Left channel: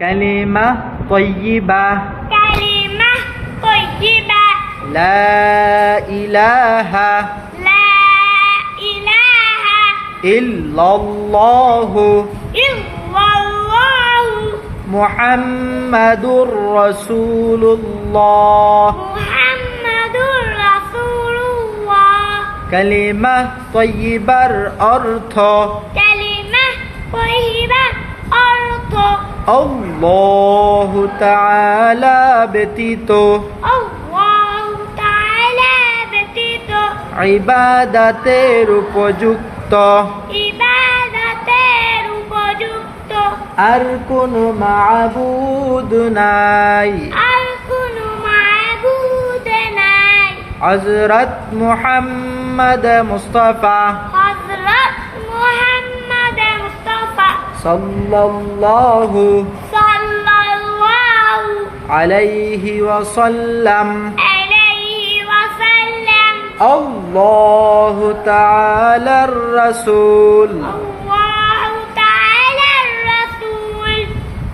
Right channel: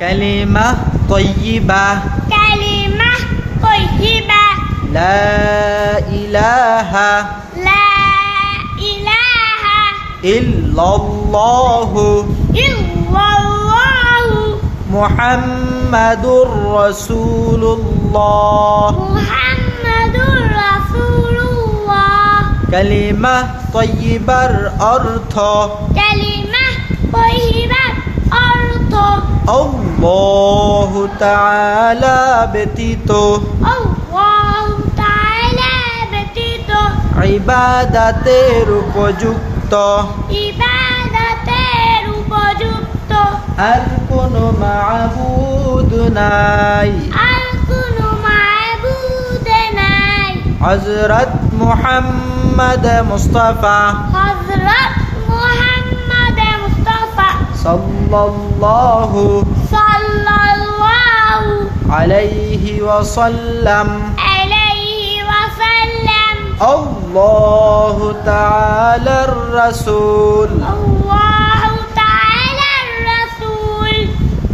كلمة طيبة. كلمة طيبة. لا إله لا إله إلا الله. إلا الله. محمد رسول الله. محمد رسول الله. كلمة طيبة أرث كلمة طيبة আল্লাহ তাআলা ব্যতীত ইবাদাতের উপযুক্ত ইবাদাতের উপযুক্ত আর কোন মাবুদ নাই। আর কোন মাবুদ নাই। হযরত মুহাম্মদ মুস্তাফা সাল্লাল্লাহু সাল্লাল্লাহু আলাইহি ওয়াসাল্লাম। আলাইহি ওয়াসাল্লাম। আল্লাহ তাআলার রাসূল। আল্লাহ